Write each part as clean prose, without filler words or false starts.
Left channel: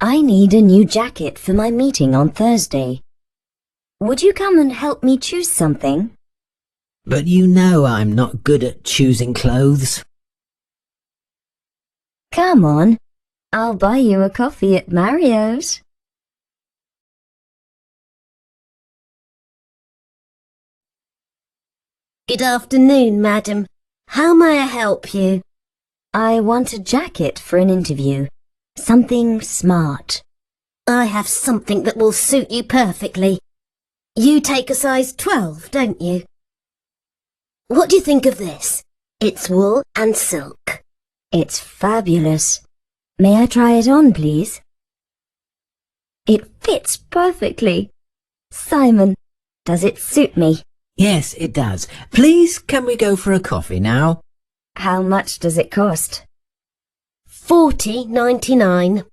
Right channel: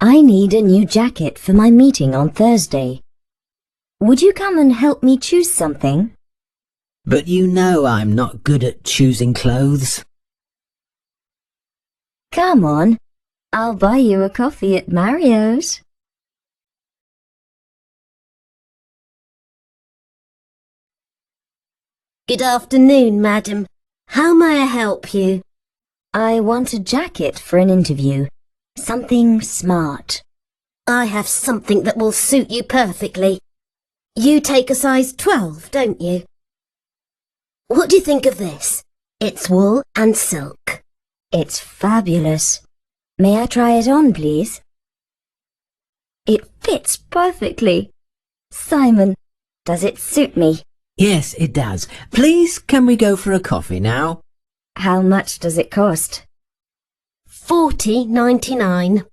I need a new jacket for my meeting on Thursday. Would you come and help me choose something? But you know I'm not good at choosing clothes. Come on, I'll buy you a coffee at Mario's. Good afternoon, madam. How may I help you? I want a jacket for an interview. Something smart. I have something that will suit you perfectly. You take a size 12, don't you? What do you think of this? It's wool and silk. It's fabulous. May I try it on, please? It fits perfectly. Simon, does it suit me? Yes, it does. Please, can we go for a coffee now? How much does it cost? $40.99.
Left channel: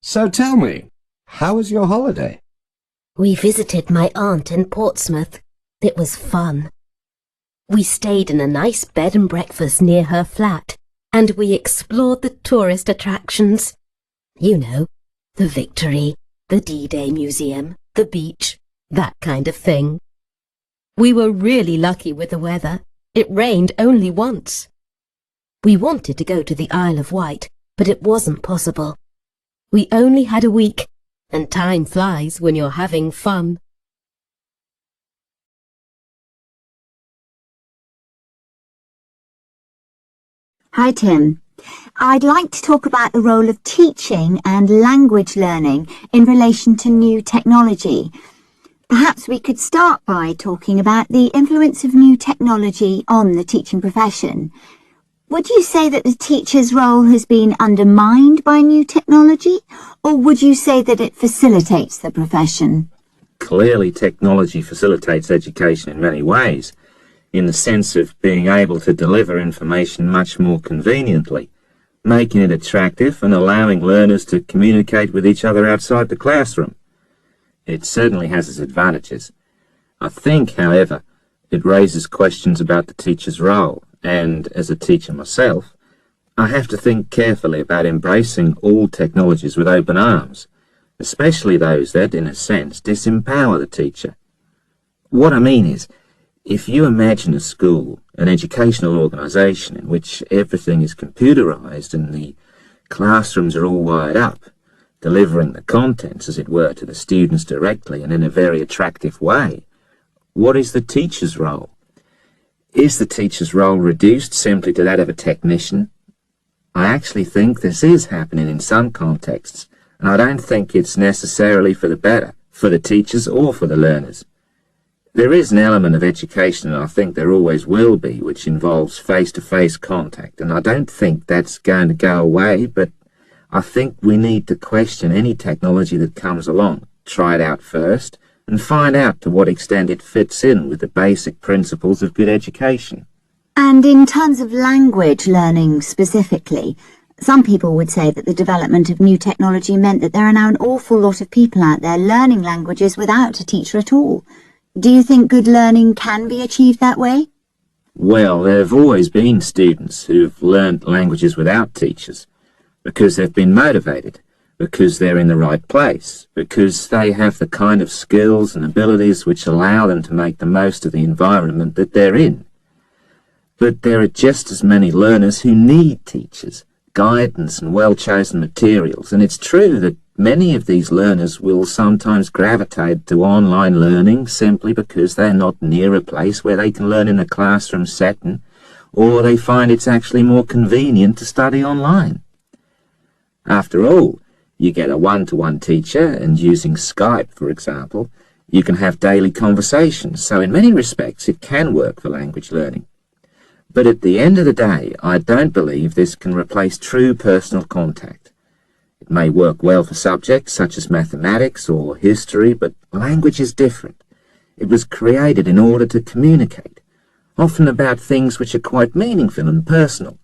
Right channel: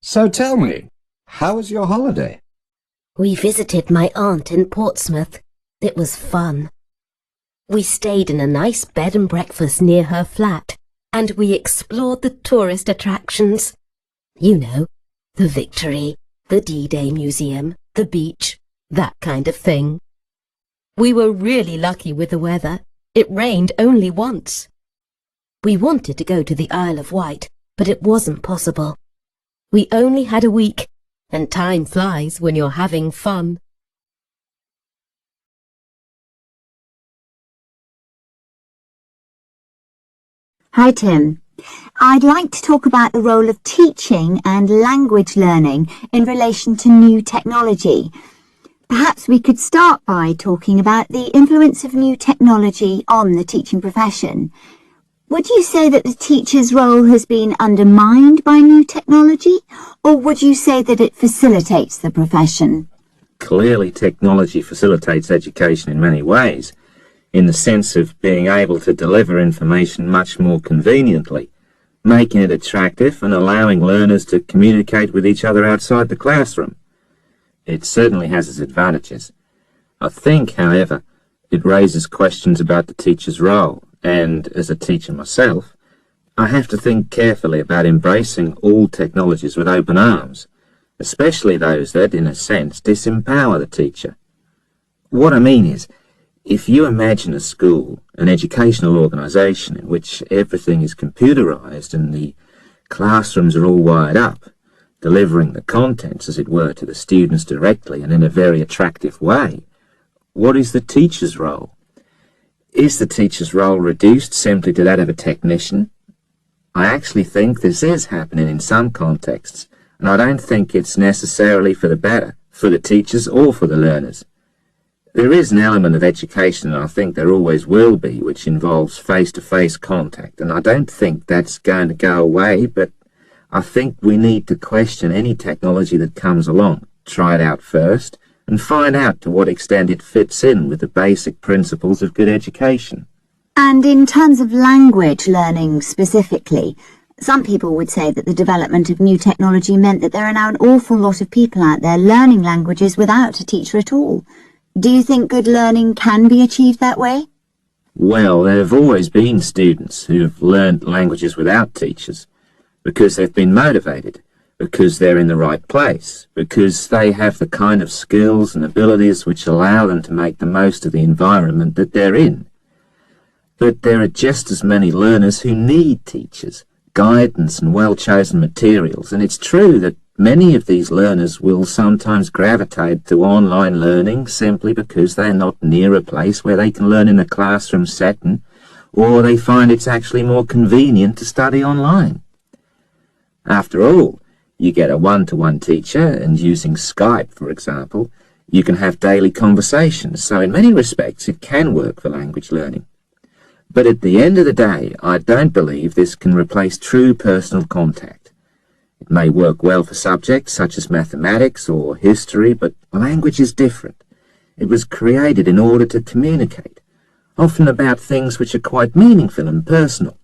So tell me, how was your holiday? We visited my aunt in Portsmouth. It was fun. We stayed in a nice bed and breakfast near her flat, and we explored the tourist attractions. You know, the Victory, the D-Day Museum, the beach, that kind of thing. We were really lucky with the weather. It rained only once. We wanted to go to the Isle of Wight, but it wasn't possible. We only had a week, and time flies when you're having fun. Hi, Tim. I'd like to talk about the role of teaching and language learning in relation to new technology. Perhaps we could start by talking about the influence of new technology on the teaching profession. Would you say that the teacher's role has been undermined by new technology, or would you say that it facilitates the profession? Clearly, technology facilitates education in many ways, in the sense of being able to deliver information much more conveniently, making it attractive and allowing learners to communicate with each other outside the classroom. It certainly has its advantages. I think, however, it raises questions about the teacher's role, and as a teacher myself, I have to think carefully about embracing all technologies with open arms, especially those that, in a sense, disempower the teacher. What I mean is, if you imagine a school, an educational organisation in which everything is computerised and the classrooms are all wired up, delivering the contents, as it were, to the students directly and in a very attractive way, what is the teacher's role? Is the teacher's role reduced simply to that of a technician? I actually think this is happening in some contexts, and I don't think it's necessarily for the better, for the teachers or for the learners. There is an element of education, and I think there always will be, which involves face-to-face contact, and I don't think that's going to go away, but I think we need to question any technology that comes along, try it out first, and find out to what extent it fits in with the basic principles of good education. And in terms of language learning specifically, some people would say that the development of new technology meant that there are now an awful lot of people out there learning languages without a teacher at all. Do you think good learning can be achieved that way? Well, there have always been students who've learnt languages without teachers, because they've been motivated, because they're in the right place, because they have the kind of skills and abilities which allow them to make the most of the environment that they're in. But there are just as many learners who need teachers, guidance and well-chosen materials, and it's true that many of these learners will sometimes gravitate to online learning simply because they're not near a place where they can learn in a classroom setting, or they find it's actually more convenient to study online. After all, you get a one-to-one teacher, and using Skype, for example, you can have daily conversations, so in many respects it can work for language learning. But at the end of the day, I don't believe this can replace true personal contact. It may work well for subjects such as mathematics or history, but language is different. It was created in order to communicate, often about things which are quite meaningful and personal,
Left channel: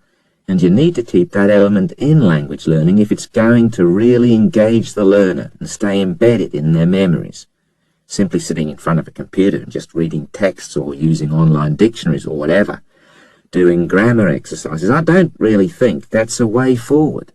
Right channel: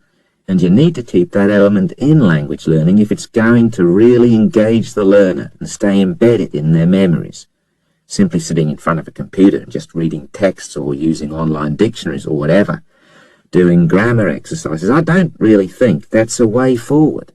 and you need to keep that element in language learning if it's going to really engage the learner and stay embedded in their memories. Simply sitting in front of a computer and just reading texts or using online dictionaries or whatever doing grammar exercises. I don't really think that's a way forward.